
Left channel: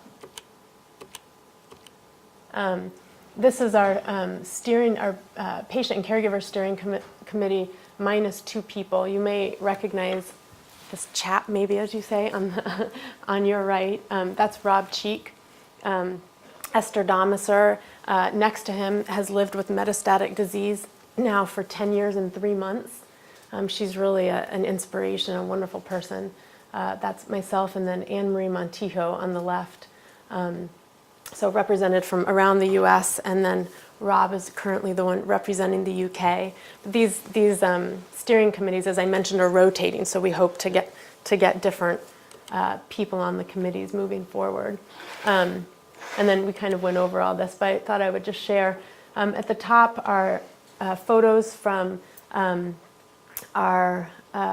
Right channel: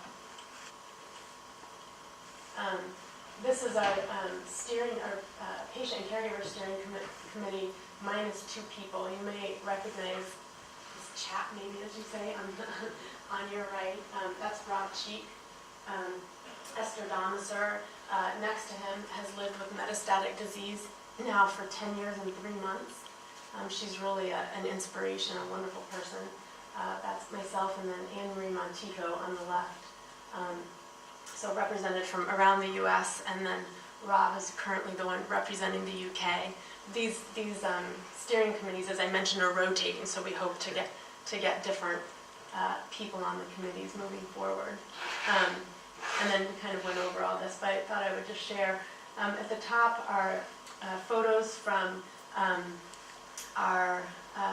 this is our patient and caregiver steering committee minus 2 people. You may recognize this chap, maybe, as you say, on your right. That's Rob Cheek. Esther Domiser, next to him, has lived with metastatic disease now for 10 years and 3 months. She's really an inspiration, a wonderful person. That's myself, and then Anne Marie Montijo on the left. So represented from around the US, and then Rob is currently the one representing the UK. These steering committees, as I mentioned, are rotating, so we hope to get different people on the committees moving forward. And then we kind of went over all this, but I thought I would just share. At the top are photos from our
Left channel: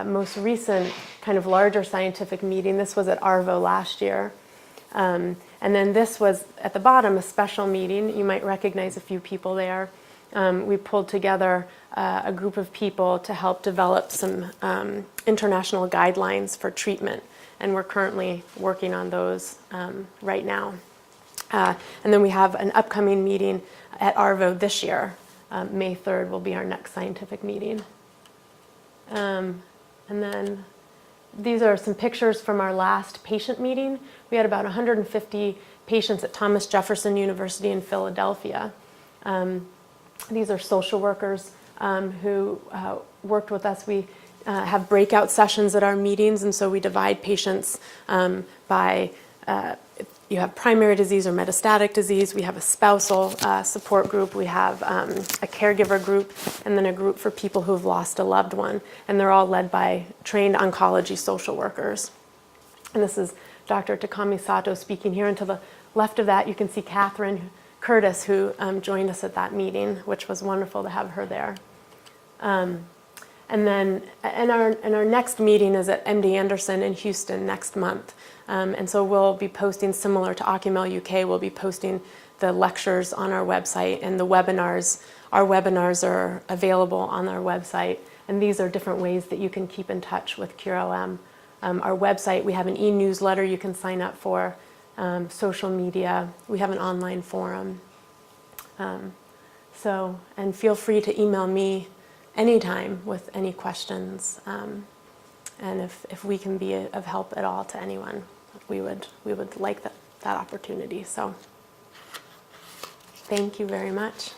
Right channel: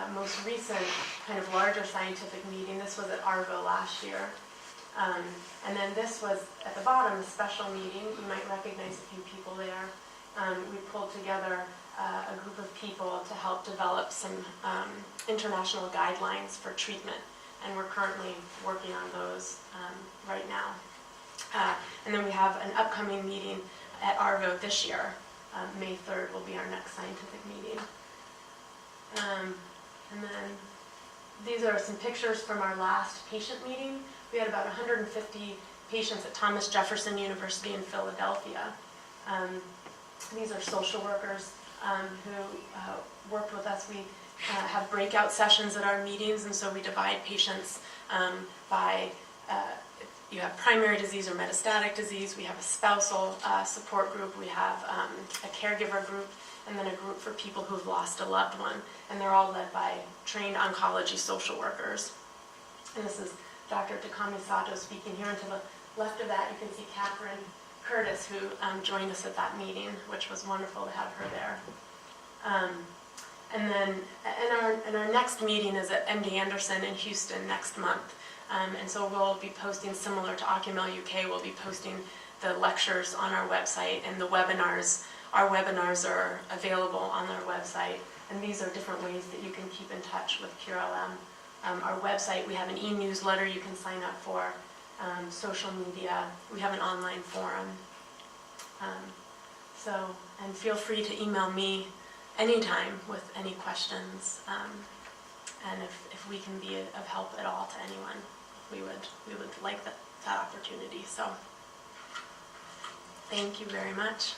most recent kind of larger scientific meeting. This was at ARVO last year. And then this was, at the bottom, a special meeting. You might recognize a few people there. We pulled together a group of people to help develop some international guidelines for treatment. And we're currently working on those right now. And then we have an upcoming meeting at ARVO this year. May 3rd will be our next scientific meeting. And then these are some pictures from our last patient meeting. We had about 150 patients at Thomas Jefferson University in Philadelphia. These are social workers who worked with us. We have breakout sessions at our meetings, and so we divide patients by if you have primary disease or metastatic disease. We have a spousal support group. We have a caregiver group, and then a group for people who have lost a loved one. And they're all led by trained oncology social workers. And this is Dr. Takami Sato speaking here. And to the left of that, you can see Catherine Curtis, who joined us at that meeting, which was wonderful to have her there. And then our next meeting is at MD Anderson in Houston next month. And so we'll be posting, similar to Ocumel UK, we'll be posting the lectures on our website, and the webinars. Our webinars are available on our website, and these are different ways that you can keep in touch with CureOM. Our website, we have an e-newsletter you can sign up for, social media, we have an online forum. And feel free to email me anytime with any questions. And if we can be of help at all to anyone, we would like that opportunity. So thank you very much.